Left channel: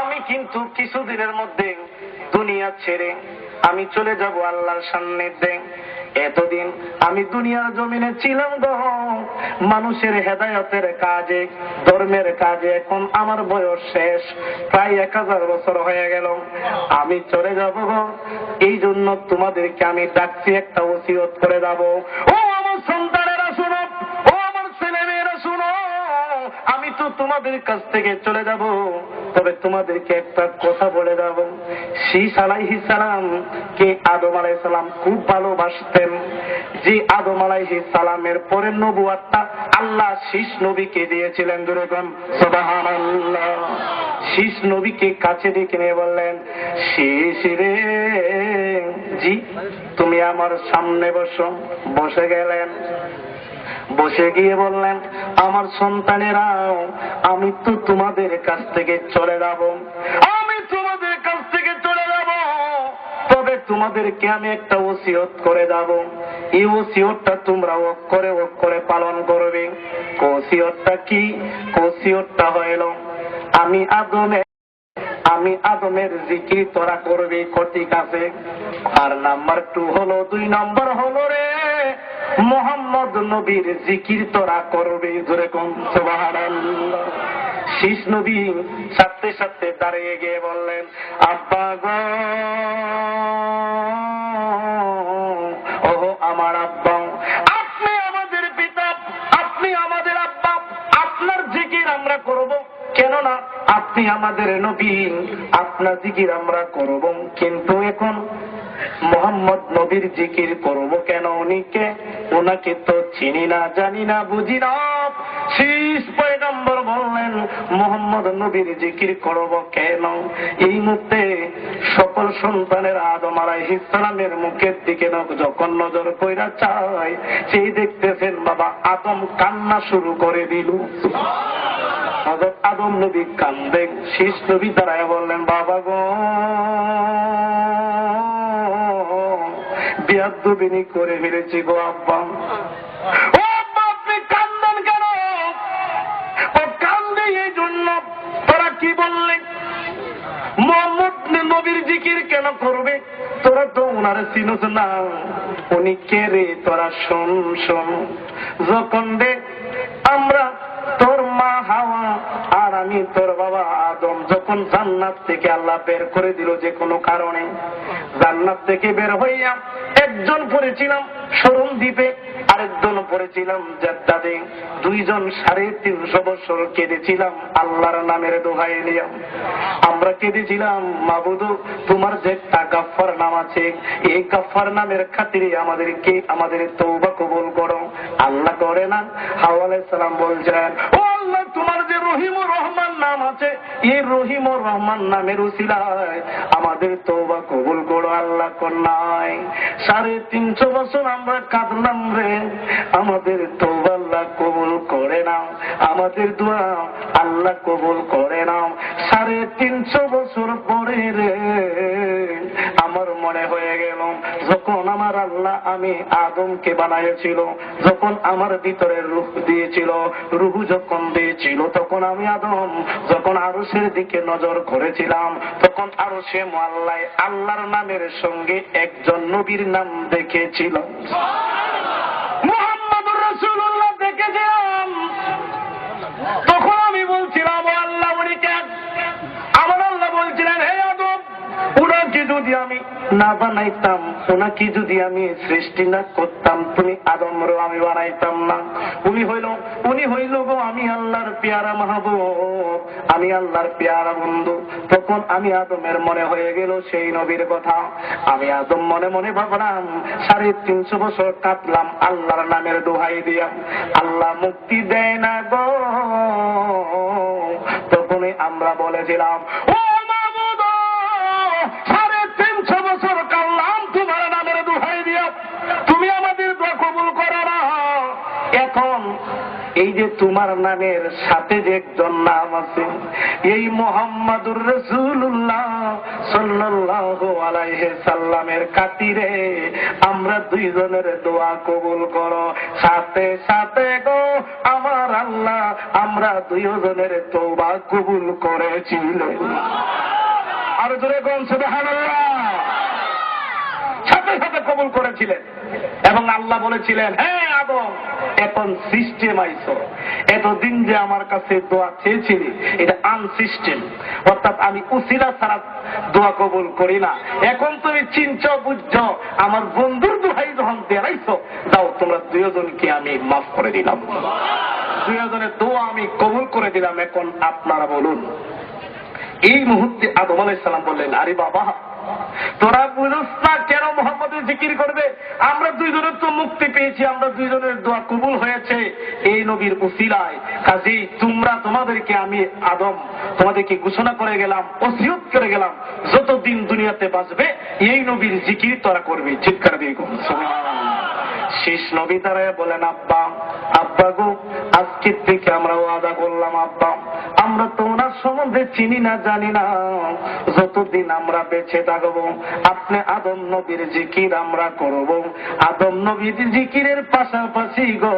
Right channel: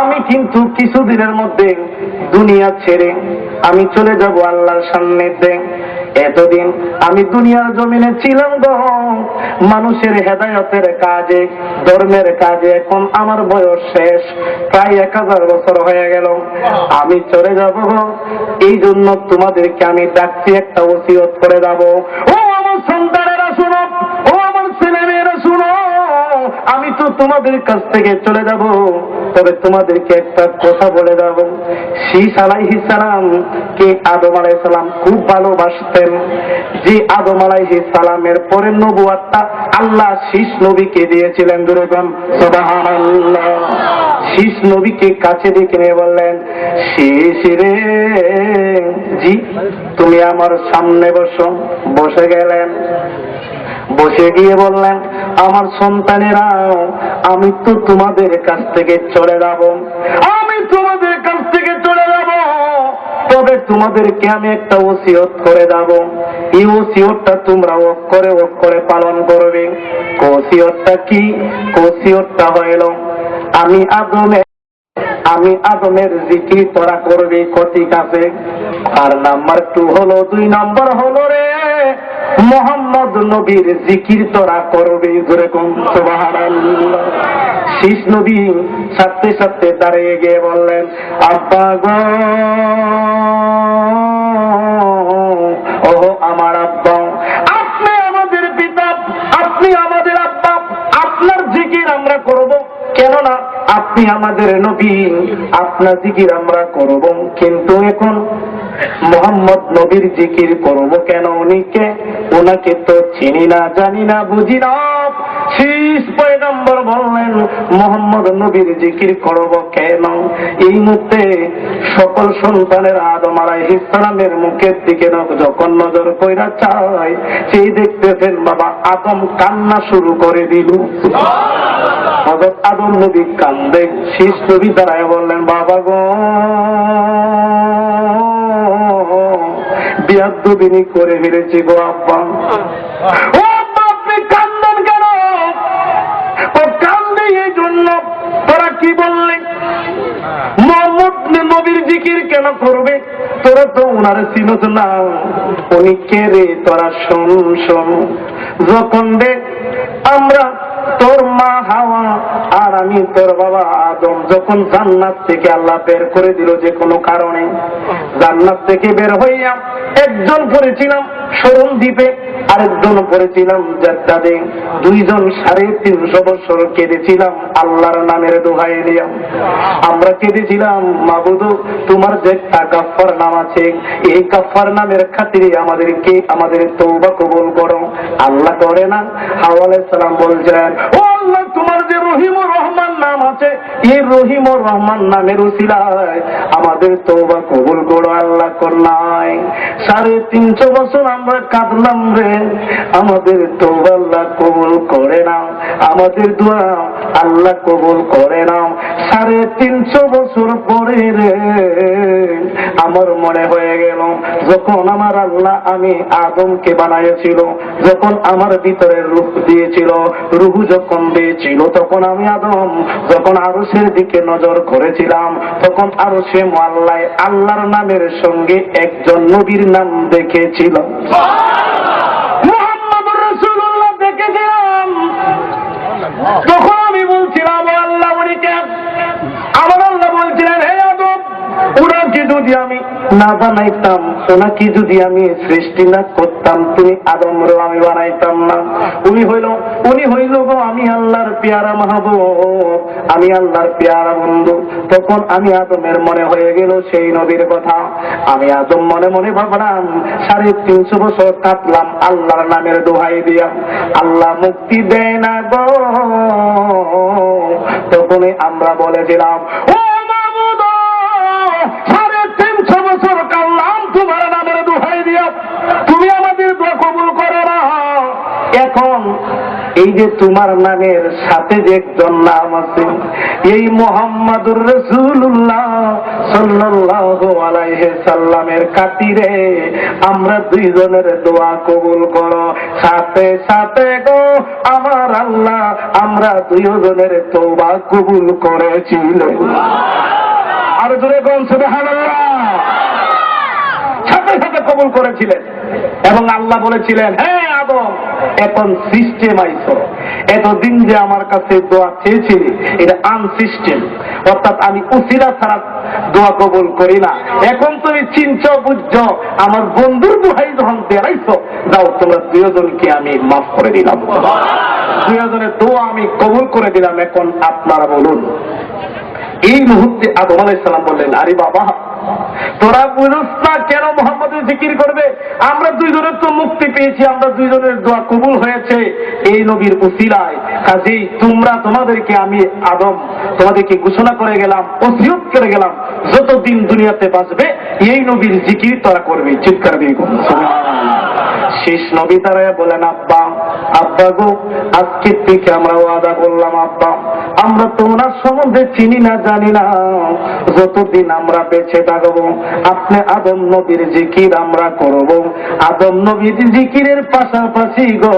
আমি কিন্তু কিছুদিনের মধ্যে দুনিয়া ছেড়ে আমি চলে যাব আল্লাহর সান্নিধ্যে। এতদিন আমি দুনিয়ার জমিনে ছিলাম গো মানুষের হেদায়েতের কাজে, ধর্মের কাজে। এখন আমার বয়স শেষ, প্রায় 1000 বছর হয়ে গেল। আমি চলে যাব গো, এই জন্য তোমাদেরকে আমি ডাকছি, একটা ওসিয়ত করে যাব। ও আমার সন্তানেরা শুনো, ও আমার ছেলেমেয়েরা শুনো, আমি তো তোমাদের কাছ থেকে চলে যাব, তবে তোমাদেরকে একটা কথা বলে যাব। শীস আলাইহিস সালাম কে আদম আলাইহিস সালাম খুব ভালোবাসতেন। যে আদম আলাইহিস সালামের পরে নবুয়তটা আল্লাহ শীস নবীকে দিয়েছিলেন। জোরে বলেন সুবহানাল্লাহ। শীস নবীকে কাছে ডেকে নিয়ে বললেন, শীস রে, জি তুমি আমার সামনে বসো। বসে গেলেন। বসে গিয়ে বললেন, আমার সন্তানেরাও, আমি তো তোমাদের কাছ থেকে চলে যাব, আমি তোমাদের কাছ থেকে চলে যাব, তবে তোমাদেরকে আমি একটা ওসিয়ত করে যাব। এই ওসিয়তটা তোমরা অক্ষরে অক্ষরে পালন করবে। ওসিয়তটা কি? ওসিয়তটা হইল, আমি আদমের জিকির তোরা করবি। ঠিক আছে। আর নাম্বার 2 হলো, 2 নম্বর হলো রে, মোহাম্মদ নবীর জিকির তোরা করবে। জোরে কোন সুবহানাল্লাহ। শীস নবী সাথে সাথে দাঁড়িয়ে গিয়ে বললেন, আব্বা গো, ও আমার আব্বা, আপনি আমাদের পিতা, আপনি আমাদের আব্বা, আপনার জিকির আমরা করব। কেননা আপনি আমাদের নবী, আপনার জিকির আমরা করব। কিন্তু এখন মোহাম্মদ নবীর জিকির করব কেন? উনিকে, ওনাকে তো চিনি না, জানি না, বুঝি না। শীস পয়গম্বর বললেন, মোহাম্মদ নবীর জিকির করব কেন? এই মুহূর্তে সকল সন্তানের আদম আলাইহিস সালামের মুখের দিকে যখন নজর কইরা চায়, সেই দেখতেছেন বাবা আদম কান্না শুরু করে দিল। হযরত আদম নবী কান্দে। শীস নবী দাঁড়ায় বললেন, বাবা গো, বিয়াদবিনি করে ফেলেছি গো আব্বা। ও আব্বা, আপনি কান্দেন কেন? ও কান্দে এই জন্য, তোরা কি বললে মোহাম্মদ নবীর জিকির কেন করবে? তোরা তো উনারে চিনোস না, উনি কে রে? তোরা শোন শোন। যখন দেখ আমরা তোর মা হাওয়া আর আমি তোর বাবা আদম যখন জান্নাত থেকে আল্লাহ বের করে দিল যে কোনো কারণে, জান্নাত থেকে বের হইয়া একজন পড়েছিলাম শরণ দ্বীপে, আরেকজন পড়েছিলাম জাদ্দাদে। 2 জন 350 বছর কেঁদেছিলাম আল্লাহর নামের দোহাই দিয়া। আমরা কেঁদেছিলাম, মাবুদ তোমার যে একটা গাফফার নাম আছে, এই গাফফার নামের খাতিরে আমাদের তওবা কবুল করো। আল্লাহ করে না। হাওয়া আলাইহিস সালাম বলছেন, ও আল্লাহ, তোমার যে রহিমুর রহমান নাম আছে, এই রহিমুর রহমান নামের উসিলায় আমাদের তওবা কবুল করো। আল্লাহ কর নাই। 350 বছর আমরা কাঁদলাম রে, আমাদের তওবা আল্লাহ কবুল করে না, আমাদের দোয়া আল্লাহ কবুল করে না। 350 বছর পরে রে আমার মনে হয়ে গেল, যখন আমার আল্লাহ আমি আদমকে বানাইছিল, যখন আমার ভিতরে রূহ দিয়েছিল, রূহ যখন দিয়েছিল, তখন আমি আদম যখন আরশের দিকে নজর করেছিলাম, তখন আরশে মুআল্লায় আল্লাহর নামের সঙ্গে একজন নবীর নাম দেখেছিলাম। মুহাম্মদুর রাসূলুল্লাহ দেখেছিলাম। তখন আমি বলছিলাম, আল্লাহ উনি কে? আমার আল্লাহ বলছিলেন, হে আদম, ওনাকে যদি আমি না বানাইতাম, ওনাকে যদি আমি সৃষ্টি না করতাম, তুমি আদমরে আমি বানাইতাম না। উনি হইল গো আমি আল্লাহর পেয়ারা মাহবুব, আমি আল্লাহর পেয়ারা বন্ধু। তখন আমি আদমের মনে হয়ে গেল সেই নবীর কথা। আমি আদম মনে মনে ভাবলাম, 350 বছর কাটলাম আল্লাহর নামের দোহাই দিয়া, আল্লাহ মুক্তি দেয় না গো। তখনই আমরা বলেছিলাম, ও মাবুদ, 350 বছর কাটলাম তোমার নামের দোহাই দিয়া, তুমি আমাদের দোয়া কবুল করো না। এখন এই যে তোমার নামের সাথে যে একজন নাম আছে, এই মুহাম্মাদুর রাসূলুল্লাহ সাল্লাল্লাহু আলাইহি সাল্লামের খাতিরে আমরা দুইজনের দোয়া কবুল করো। সাথে সাথে গো আমার আল্লাহ আমরা দুইজনের তওবা কবুল করেছিলেন। আর জোরে কোন সুবহানাল্লাহ। সাথে সাথে কবুল করেছিলেন এবং আল্লাহ বলেছিলেন, হ্যাঁ আদম এখন সিস্টেম আইছো, এতদিন যে আমার কাছে দোয়া চেয়েছিলি এটা আনসিস্টেম, অর্থাৎ আমি উসিলা ছাড়া দোয়া কবুল করি না। এখন তুমি চিনছ বুঝছ, আমার বন্ধুর দোহাই যখন বেড়াইছো, যাও তোমরা দুজনকে আমি মাফ করে দিলাম, দুজনের দোয়া আমি কবুল করে দিলাম। এখন আপনারা বলুন। এই মুহূর্তে আদম আলাইহিস সালাম বললেন, আরে বাবা তোরা বুঝছ না কেন মুহাম্মদের জিকির করবে? আমরা দুইজনের তো মুক্তি পেয়েছি, আমরা দুইজনের দোয়া কবুল হয়েছে এই নবীর উসিলায়। কাজেই তোমরা তোমাদেরকে আমি আদম তোমাদেরকে ঘোষণা করে গেলাম, ওসিয়ত করে গেলাম, যতদিন দুনিয়াতে বাঁচবে এই নবীর জিকির তোরা করবে। চিৎকার দিয়ে শেষ নবী তারা বলেন, আব্বা আব্বা গো আজকের থেকে আমরা ওয়াদা করলাম, আব্বা আমরা তোমার সম্বন্ধে চিনি না জানি না, যতদিন আমরা বেঁচে থাকবো আপনি আদম নবীর জিকির আমরা করব। আদম নবীর জিকিরের পাশাপাশি গো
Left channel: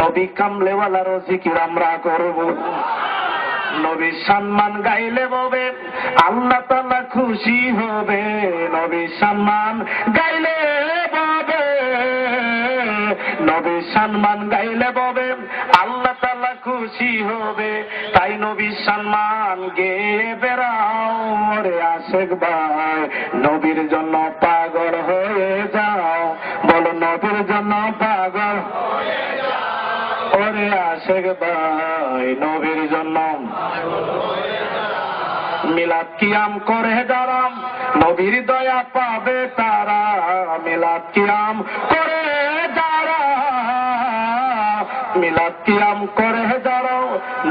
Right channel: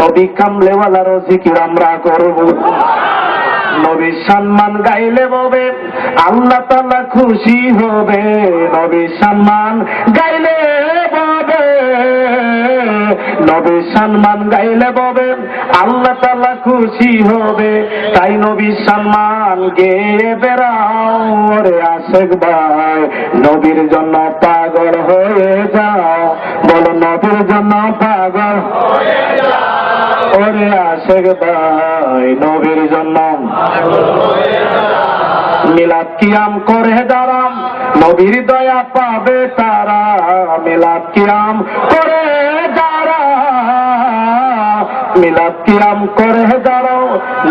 নবী কামলেওয়ালারও জিকির আমরা করব। নবীর সম্মান গাইলে ববে আল্লাহ তাআলা খুশি হবে, নবীর সম্মান গাইলে ববে, নবীর সম্মান গাইলে ববে আল্লাহ তাআলা খুশি হবে। তাই নবীর সম্মান গেয়ে বেড়াও রে আশেক ভাই, নবীর জন্য পাগল হয়ে যাও, বলো নবীর জন্য পাগল হয়ে যাও ওরে আশেক ভাই, নবীর জন্য মিলাদ কিয়াম করে দাঁড়াম, নবীর দয়া পাবে তারা, মিলাদ কিয়াম করে মিলাদ কিয়াম করে দাঁড়াও,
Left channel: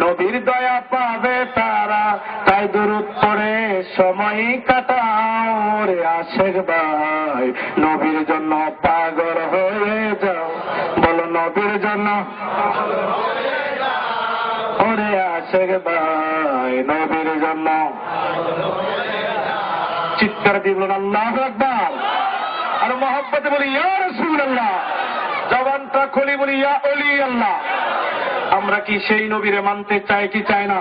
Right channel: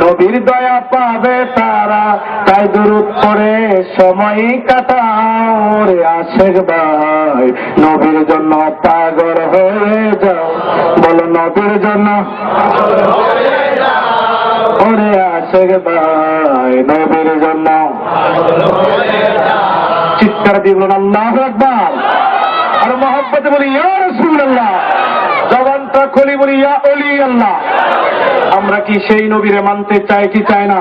নবীর দয়া পাবে তারা। তাই দুরূদ করে সময় কাটাও রে আশেক ভাই, নবীর জন্য পাগল হয়ে যাও, বলো নবীর জন্য ওরে আশেক ভাই, নবীর জন্য চিৎকার দিয়ে বলুন আল্লাহু আকবার। আর মহব্বতে বলি ইয়া রাসূলুল্লাহ, জবানটা খুলি বলি ইয়া ওলি আল্লাহ। আমরা কি সেই নবীরে মানতে চাই কি চাই না?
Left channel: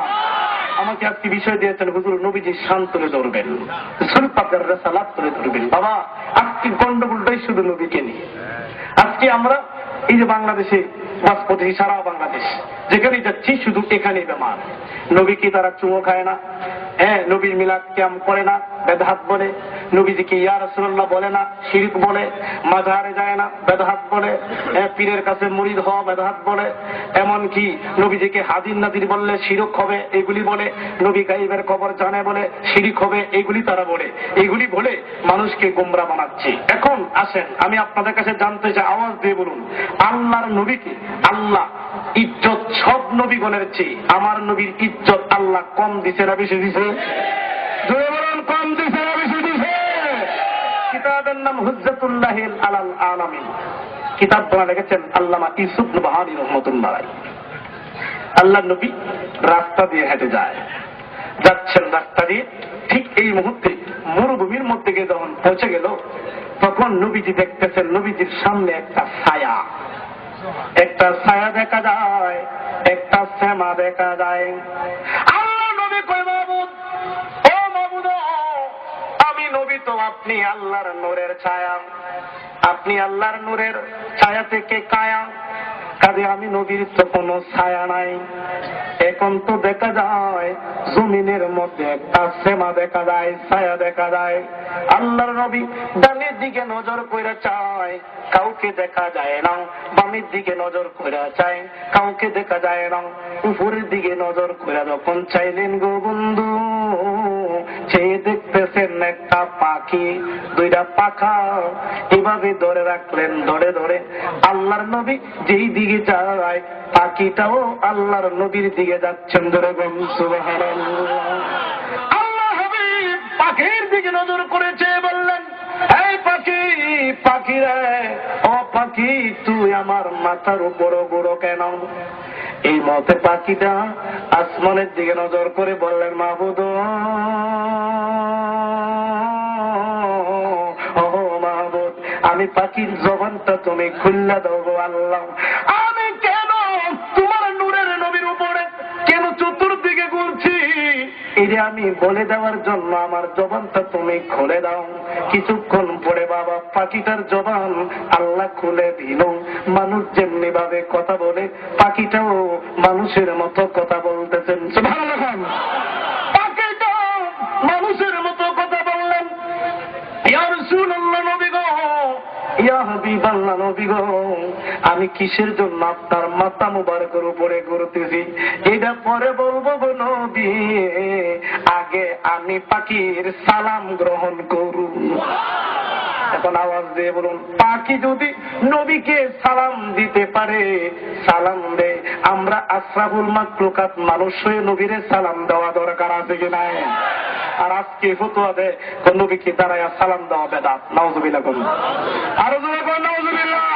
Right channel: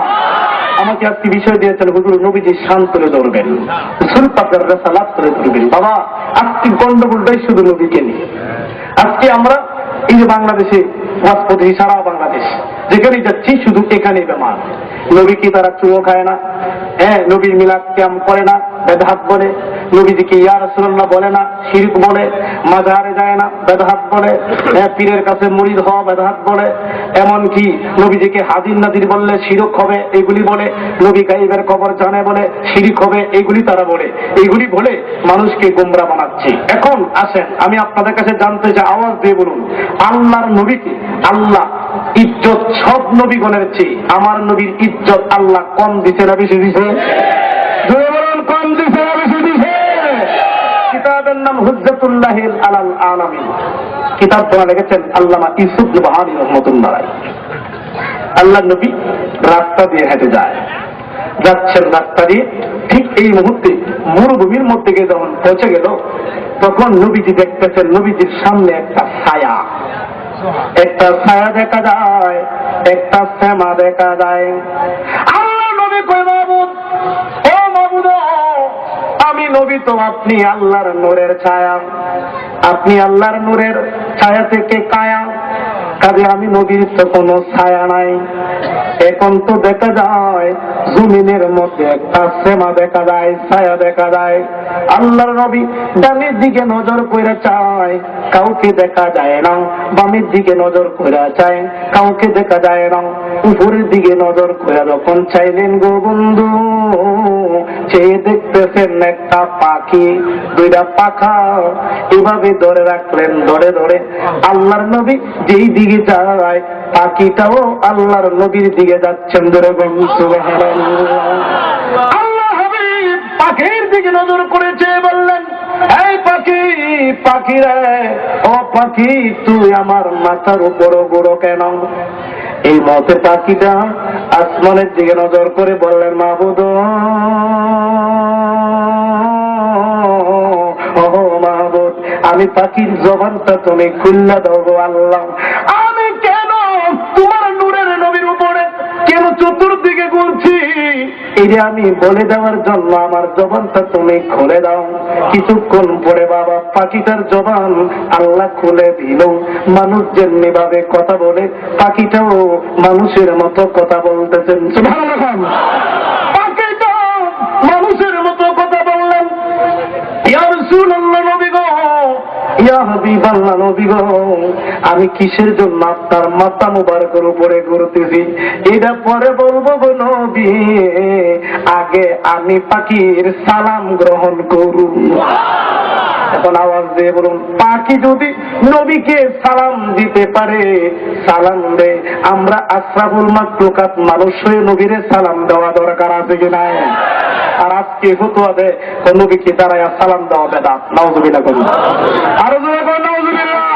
আমাকে আজকে বিষয় দিয়েছেন, হুজুর নবীজি শান তুলে ধরবেন, রাসূল পাকের রিসালাত তুলে ধরবেন। বাবা আজকে গন্ডগোলটাই শুধু নবীকে নিয়ে। আজকে আমরা এই যে বাংলাদেশে ওয়াজ পদ্ধতি, সারা বাংলাদেশ যেখানে যাচ্ছি শুধু এখানেই বেমার। নবী কি তারা চুমো খায় না? হ্যাঁ, নবীর মিলাদ কিয়াম করে না, বেদাত বলে, নবীজিকে ইয়া রাসূলুল্লাহ বলে না, শিরক বলে, মাজারে যায় না, বেদাত বলে, পীরের কাছে মুরিদ হওয়া বেদাত বলে, এমন কি নবীজিকে হাজির নাজির বললে শিরক হবে এগুলি বলে, নবী গায়েবের খবর জানে বলে শিরক হবে এগুলি তারা বলে, এগুলি বলে মানুষকে গোমরা বানাচ্ছে। এখন আসেন আমি আপনাদের কাছে জানতে চাই, আওয়াজ দিয়ে বলুন, আল্লাহর নবীকে আল্লাহ ইজ্জত সব নবীগণের চেয়ে আমার নবীর ইজ্জত আল্লাহ কম দিছে না বেশি দিছে? কম দিছে না বেশি দিছে? কিতাবের নাম হুজ্জাতুল্লাহিল আলাল আলামিন, কিতাব তোরা লিখেছেন আল্লামা ইউসুফ নবহানী রহমাতুল্লাহ আলাইহি। আল্লাহর নবী রাস্তা দিয়ে হেঁটে যায়, যাচ্ছেন রাস্তা দিয়ে, ঠিক এই মুহূর্তে মরুভূমির মধ্যে গিয়ে যখন পৌঁছে গেল, তখন নবীজি দেখতেছেন নবীজির সামনে একটা ছায়া, একটা ছায়া দেখা যায়, একটা শ্যামা দেখা যায়। আল্লাহ নবী কই, মাবুদ ও মাবুদ, আমি নবী তো আপনি আল্লাহর নূরের ছায়া, আপনি আল্লাহর নূরের ছায়া থেকে কায়া, কাজে আমি নবীর তো কোনো ছায়া নাই। এখন তো দেখা যায় জমিনের মধ্যে একটা শ্যামা দেখা যায়, ছায়া দেখা যায়। আল্লাহর নবী ডানের দিকে নজর করে চায়, কাউকে দেখা যায় না, বামের দিকে নজর করে চায়, কাউকে দেখা যায় না, উপরের দিকে নজর করে যখন চাইলেন গো বন্ধু, চেয়ে দেখতেছেন একটা পাখি, দুইটা পাখা এভাবে ধরে রাখলেন, ধরে ধরে আল্লাহর নবী যেই দিকে যায় পাখিটাও আল্লাহর নবীর দিকে যাচ্ছেন, ধরে সুবহানাল্লাহ। আল্লাহ হাবিব পাখির দিকে নজর করেছে, বললেন এই পাখি, পাখি রে ও পাখি, তুই আমার মাথার উপর গুঁড়ো কেন? এই মতে পাখিটা আসমানের দিকে নজর করে বললেন, মাবুদ মাহবুব, আমি পাখির জবানটা তুমি খুল্লা দাও গো আল্লাহ। আমি কেন তোমার নূরের নবীর উপরে কেন চতুর্দিকে ঘুরছি, এটা আমি বলে দেওয়ার জন্য আমার জবানটা তুমি খুলে দাও। কিছুক্ষণ পরে বাবা পাখিটার জবান আল্লাহ খুলে দিল। মানুষ যেমনি ভাবে কথা বলে পাখিটাও মানুষের মতো কথা বলতেছেন। সুবহানাল্লাহ। পাখিটা মানুষের মতো কথা বললেন। ইয়া রাসূলুল্লাহ, নবী গো, ইয়া হাবিবাল্লাহ, নবী গো, আমি কিসের জন্য আপনার মাথা মুবারকের উপরে ঘুরতেছি এটা পরে বলবো গো নবী, আগে আমি পাখির সালাম গ্রহণ করুন। এখন আওয়াজ দিয়ে বলুন, পাখি যদি নবীকে সালাম দিতে পারে, সালাম দে, আমরা আশরাফুল মাখলুকাত মানুষ হয়ে নবীরে সালাম দেওয়া দরকার আছে কি নাই? আর আজকে ফতোয়া দেয় নবীকে দাঁড়ায় সালাম দেওয়া বেদাত। নাউযুবিল্লাহ করুন, আরো জোরে করুন নাউযুবিল্লাহ।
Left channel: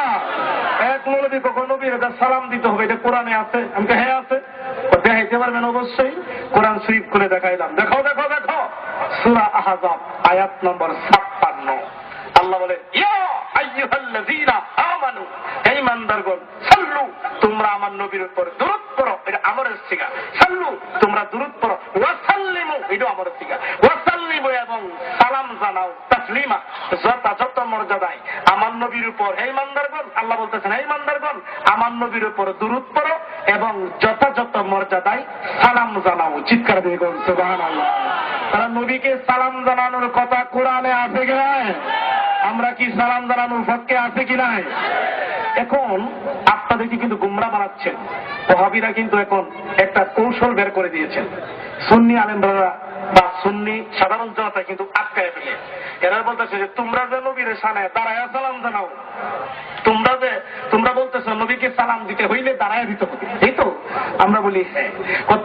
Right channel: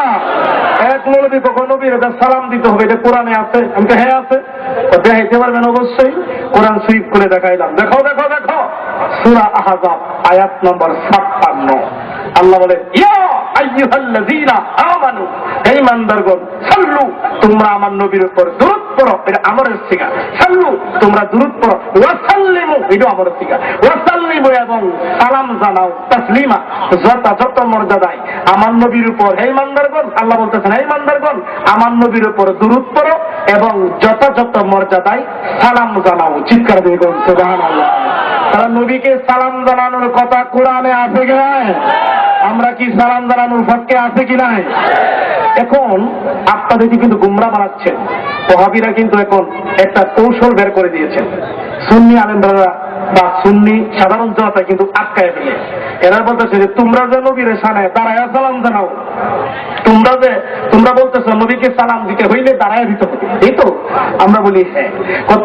এক মৌলবী কখন নবীর সালাম দিতে হবে এটা কোরআনে আছে? আমি তো হ্যাঁ আছে। দেখাইতে পারবেন অবশ্যই, কোরআন শরীফ করে দেখাইলাম। দেখো দেখো দেখো, সূরা আহজাব আয়াত নম্বর 56। আল্লাহ বলে, ইয়া আইয়ুহাল্লাযীনা আমানু, হে ঈমানদারগণ, সাল্লু, তোমরা আমার নবীর উপর দুরূদ পড়ো, এটা আমরের সিগা। সাল্লু, তোমরা দুরূদ পড়ো। ওয়া সাল্লিমু, এটা আমরের সিগা। ওয়া সাল্লিমু, এবং সালাম জানাও, তাসলিমা, যত মর্যাদায় আমার নবীর উপর। হে ঈমানদারগণ, আল্লাহ বলতেছেন, হে ঈমানদারগণ, আমার নবীর উপর দুরূদ পড়ো এবং যথাযথ মর্যাদায় সালাম জানাও। চিৎকার দিয়ে বলুন সুবহানাল্লাহ। তারা নবীকে সালাম জানানোর কথা কোরআনে আছে কি নাই? আমরা কি সালাম জানানোর পক্ষে আছে কি নাই? এখন আপনাদেরকে কিন্তু গুমরা বানাচ্ছেন ওহাবীরা, কিন্তু এখন একটা কৌশল বের করে দিয়েছেন। সুন্নি আলেমরা বা সুন্নি সাধারণ জনতা কিন্তু আটকায় ফেলে। এরা বলতেছে যে তোমরা যে নবীর সামনে দাঁড়ায় সালাম জানাও, তোমরা বলতেছো নবীকে সালাম দিতে হইলে দাঁড়ায় দিতে হবে, এই তো? আমরা বলি হ্যাঁ।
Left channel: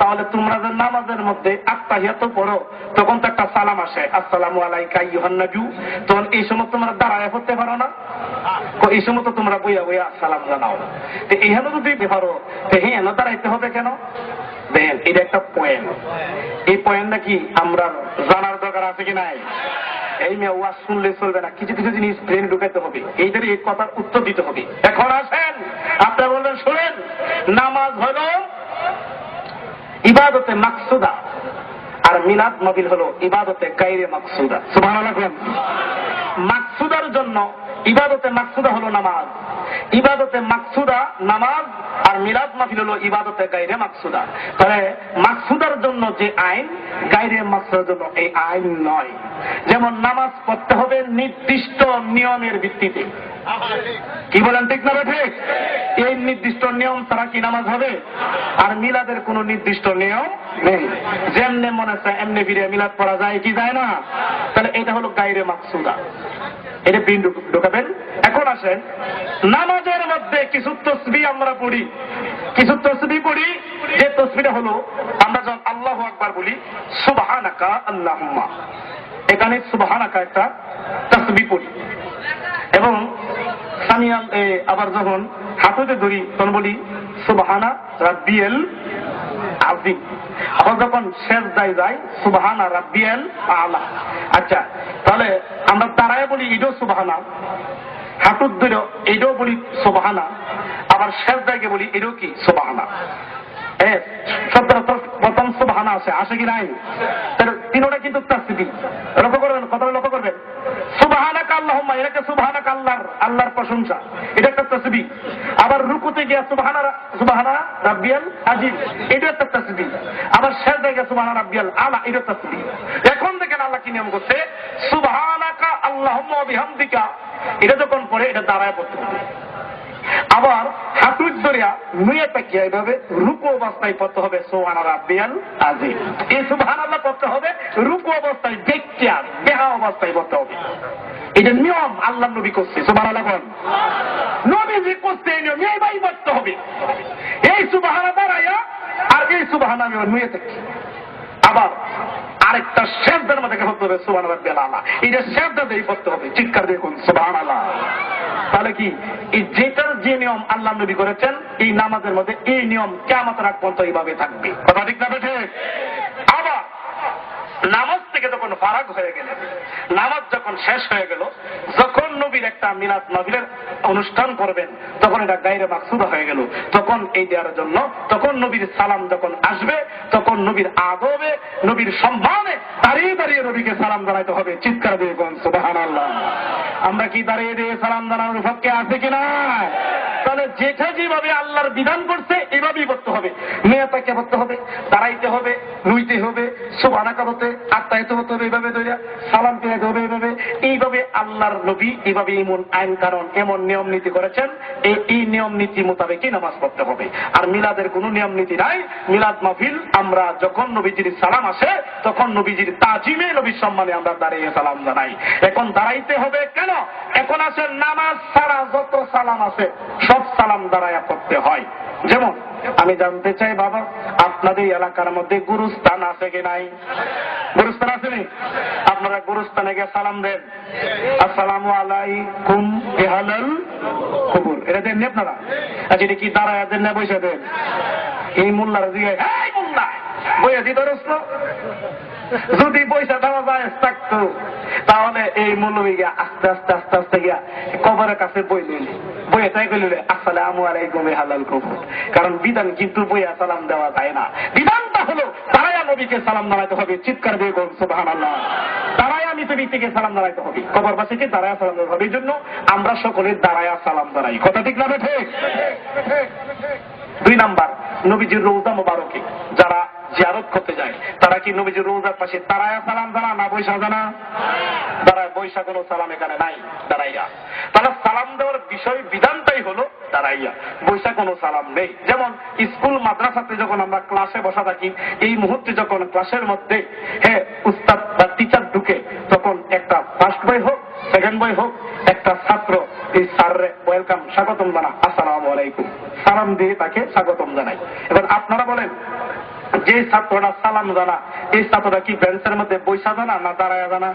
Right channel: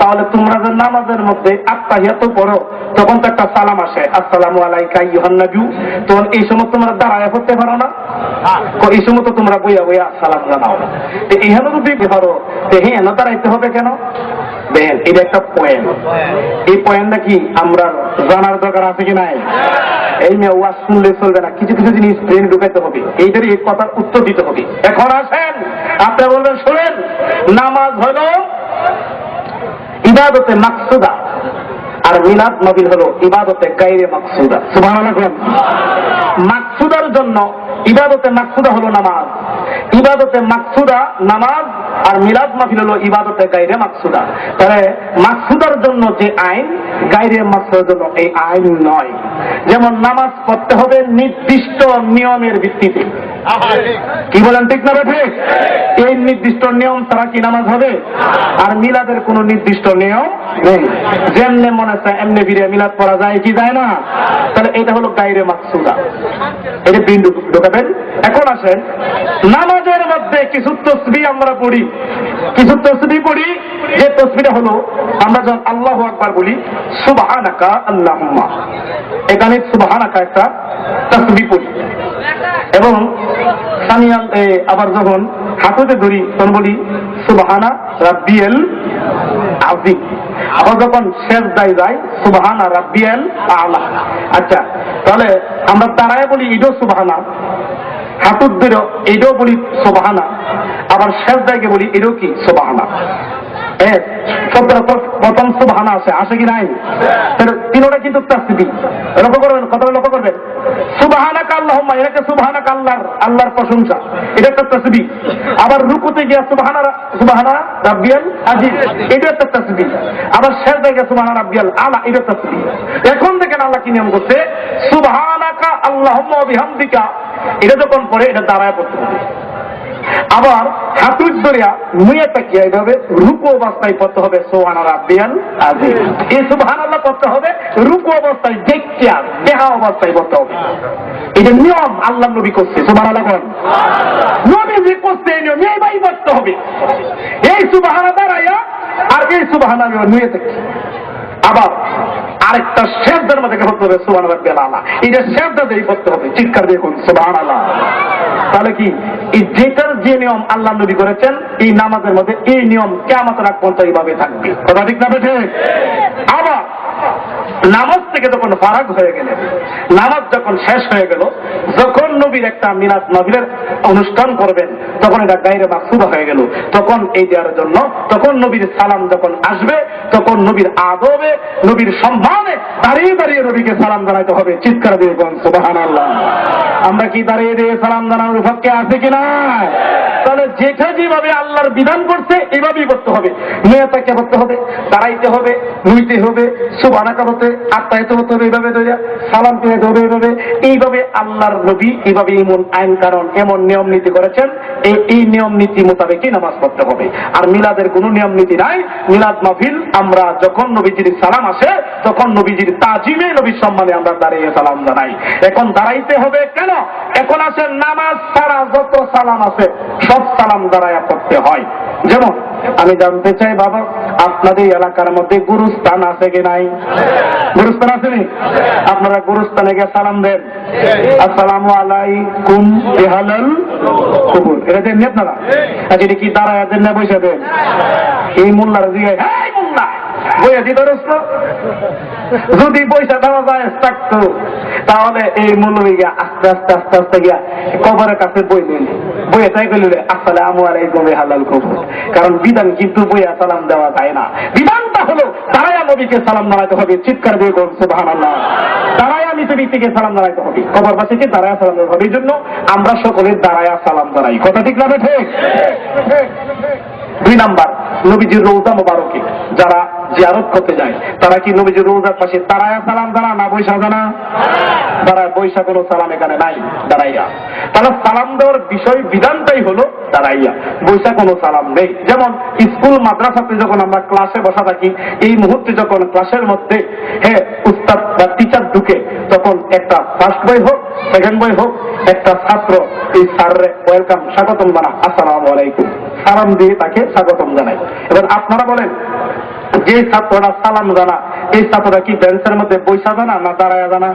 তাহলে তোমরা যে নামাজের মধ্যে আত্তাহিয়াত পড়ো, তখন তো একটা সালাম আসে, আসসালামু আলাইকা আইয়ুহান নবী, তখন এই সময় তোমরা দাঁড়ায় পড়তে পারো না? এই সময় তো তোমরা বইয়া বইয়া সালাম জানাও। এখানে যদি পারো, হ্যাঁ দাঁড়াইতে হবে কেন? দেখেন, এটা একটা পয়েন্ট। এই পয়েন্টটা কি আমরা জানার দরকার আছে কি নাই? এই মেয়ে ওয়াজ শুনলে চলবে না, কিছু কিছু জিনিস ব্রেনে ঢুকাইতে হবে, এইটার এই কথার উত্তর দিতে হবে। এখন আসেন, আপনারা বলবেন শোনেন, নামাজ হলো ইবাদতে মাকসুদা আর মিলাদ নবী হলো ইবাদতে গায়রে মাকসুদা। সুবহানাল্লাহ। মাকসুদার জন্য ইবাদতে মাকসুদা হলো নামাজ, ইবাদতে মাকসুদা নামাজ, আর মিলাদ মাহফিল হলো ইবাদতে গায়রে মাকসুদা। তাহলে মাকসুদার জন্য যে আইন, গায়রে মাকসুদার জন্য এই আইন নয়। যেমন নামাজ পড়তে হবে নির্দিষ্ট নিয়মের ভিত্তিতে। কি বলেন, ঠিক না ঠিক? এই নির্দিষ্ট নিয়ম ছাড়া কি নামাজ হবে? আর মিলাদের কোনো নির্দিষ্ট নিয়ম নেই, যেমনে মনে চায় এমনি ফিরে মিলাদ পড়া যায় কি যায় না? তাহলে এটা হলো গায়রে মাকসুদা, এটা বিন ঢোকাবেন। এখন আসেন, নামাজের মধ্যে কিছু তাসবিহ আমরা পড়ি, কিছু তাসবিহ পড়ি, যে তাসবিহটা হলো আমরা যখন আল্লাহু আকবার বলি, সুবহানাকা আল্লাহুম্মা, এখানে সুবহানাকা একটা তাসবিহ পড়ি। এবং সামিয়াল আবার যখন হাতে ধরি তখন বলি সুবহানা রাব্বিয়াল আযীম। আবার যখন সেজদায় যাই সুবহানা রাব্বিয়াল আ'লা। আচ্ছা, তাহলে আমরা দাঁড়ায় বলি ইডো সুবহানা, হাতুর ধরে এটাও বলি সুবহানা, আবার সেজদায় বলি এটাও কি সুবহানা। প্রথম সুবহানা আসে কি নাই? তিনটা কিন্তু তাসবিহ। লক্ষ্য করবেন, কথাটা লক্ষ্য করবেন। সুবহানাকা আল্লাহুম্মা, এটাকে সুবহানাকা আল্লাহর প্রশংসা, এটা একটা তাসবিহ। আবার রুকুতে গিয়া সুবহানা রাব্বিয়াল আযীম, এটা একটা তাসবিহ। আবার সিজদায় গিয়া সুবহানা রাব্বিয়াল আ'লা, এটা তাসবিহ। এখন দেখেন আল্লাহ কি নিয়ম করছে, সুবহানাকা আল্লাহুম্মা ওয়া বিহামদিকা, এটা যখন পড়ে এটা দাঁড়ায় পড়তে হবে। আবার হাতুর দরিয়া মুয়ে তাকিয়ে এইভাবে রুকু অবস্থায় পড়তে হবে সুবহানা রাব্বিয়াল আযীম। এই সুবহানাল্লাহ পড়তে হবে রুকু অবস্থায়, দেখিয়া দেহা অবস্থায় পড়তে হবে। এটা নিয়ম আল্লাহ নবী করছে। সুবহানাল্লাহ। নবী যে করছে এই নিয়ম এইভাবে পড়তে হবে। এই সুবহানা দাঁড়াইয়া আর এই সুবহানা মুয়ে তাকি। আবার আরেকটা সেজদার মধ্যে পড়তে হবে সুবহান রাব্বিয়াল আলা। এটা সেজদা দিয়ে পড়তে হবে, চিৎকার দিয়ে কোন সুবহানাল্লাহ। তাহলে কি এই যেটার যে নিয়ম আল্লাহ নবী করেছেন এই নামাজের মধ্যে এই নিয়ম কিয়ামতের আগ পর্যন্ত এইভাবে থাকবে। কথা ঠিক না বেঠিক? আবার নামাজ থেকে যখন ফারাক হয়ে গেলেন, নামাজ যখন শেষ হয়ে গেল, যখন নবীর একটা মিলাদ নবীর অনুষ্ঠান করবেন তখন এটা গায়রে মাকসুদা হয়ে গেল। তখন এই দেওয়ার জন্য তখন নবীর সালাম যখন আসবে তখন নবীর আদবে নবীর সম্মানে দাঁড়িয়ে দাঁড়িয়ে নবীকে সালাম জানাইতে হবে, চিৎকার দিয়ে বলুন সুবহানাল্লাহ। আমরা কি দাঁড়িয়ে দিয়ে সালাম জানানোর পক্ষে আছে কিনা? তাহলে যেটা যেভাবে আল্লাহর বিধান করছে এভাবেই করতে হবে। মেয়েটাকে করতে হবে, দাঁড়াইতে হবে, নুইতে হবে, সুবহানাকা হতে আত্মায়িত হতে হবে, এইভাবে ধরে সালাম পেতে হবে, এইভাবে আল্লাহর নবী এইভাবে এমন আইন কারণ এমন নিয়ম নীতি করেছেন, এই নিয়ম নীতি মোতাবেকই নামাজ পড়তে হবে। আর মিলাদের কোনো নিয়ম নীতি নাই। মিলাদ মাহফিল আমরা যখন নবীজির সালাম আসে তখন নবীজির তাজিমে নবীর সম্মানে আমরা দাঁড়িয়ে সালাম জানাই। এখন দাঁড়াইতে হবে কেন? এখন আসে নামাজ ছাড়া যত সালাম আছে সব সালাম দাঁড়ায়া পড়তে হয়। যেমন আমি জানতে চাই বাবা, আপনাদের এলাকার মধ্যে গুরুস্থান আছে কি নাই? গুরুস্থান আছে নি? আপনারা গুরুস্থানে গিয়ে সালাম দেন, আসসালামু আলাইকুম বিহালাল কুবুর, এটা দেন আপনারা? আচ্ছা, এটা কি দাঁড়ায় দেন না বসে দেন? এই মোল্লারা জিগায়, এই মোল্লা বইয়া দিতে রস্ত, যদি পয়সা দেওয়া যায় থাকতো তাহলে এই মৌলবী গিয়া আস্তে আস্তে আস্তে আস্তে গিয়া কবরের কাছে বইলেন, বইয়ে তাই বলল আসসালামু আলাইকুম হালাল কবর। কারণ বিধান কিন্তু বইয়া সালাম দেওয়া যায় না। বিধানটা হলো দাঁড়ায়া নবীকে সালাম জানাইতে হবে, চিৎকার দিয়ে বলুন সুবহানাল্লাহ। দাঁড়ায়া মৃত ব্যক্তিকে সালাম জানাইতে হবে, কবরবাসীকে দাঁড়ায়া সালাম জানাইতে হবে। এই জন্য আমরা সকলে দাঁড়ায়া সালাম জানাই। কথা ঠিক না ঠিক? 2 নাম্বার, নবীজির রওজা মোবারকে যারা জিয়ারত করতে যায় তারা কি নবীজির রওজার পাশে দাঁড়ায়া সালাম জানা না বৈশা জানা? দাঁড়ায়, বৈশা কোনো সালাম এখানে নাই, দাঁড়াইয়া। তাহলে সালাম দেওয়ার বিষয় বিধানটাই হলো দাঁড়াইয়া, বৈশা কোনো সালাম নেই। যেমন স্কুল মাদ্রাসাতে যখন আমরা ক্লাসে বসা থাকি, এই মুহূর্তে যখন ক্লাসের মধ্যে উস্তাদ বা টিচার ঢুকে তখন একটা ফার্স্ট বই হোক সেকেন্ড বই হোক একটা ছাত্র এই স্যাররে ওয়েলকাম স্বাগতম জানা, আসসালামু আলাইকুম সালাম দিয়ে তাকে স্বাগতম জানাই। এবার আপনারা বলেন যে ছাত্ররা সালাম জানা এই ছাত্ররা কি বেঞ্চের মধ্যে বৈশা জানা না দাঁড়ায়া জানা?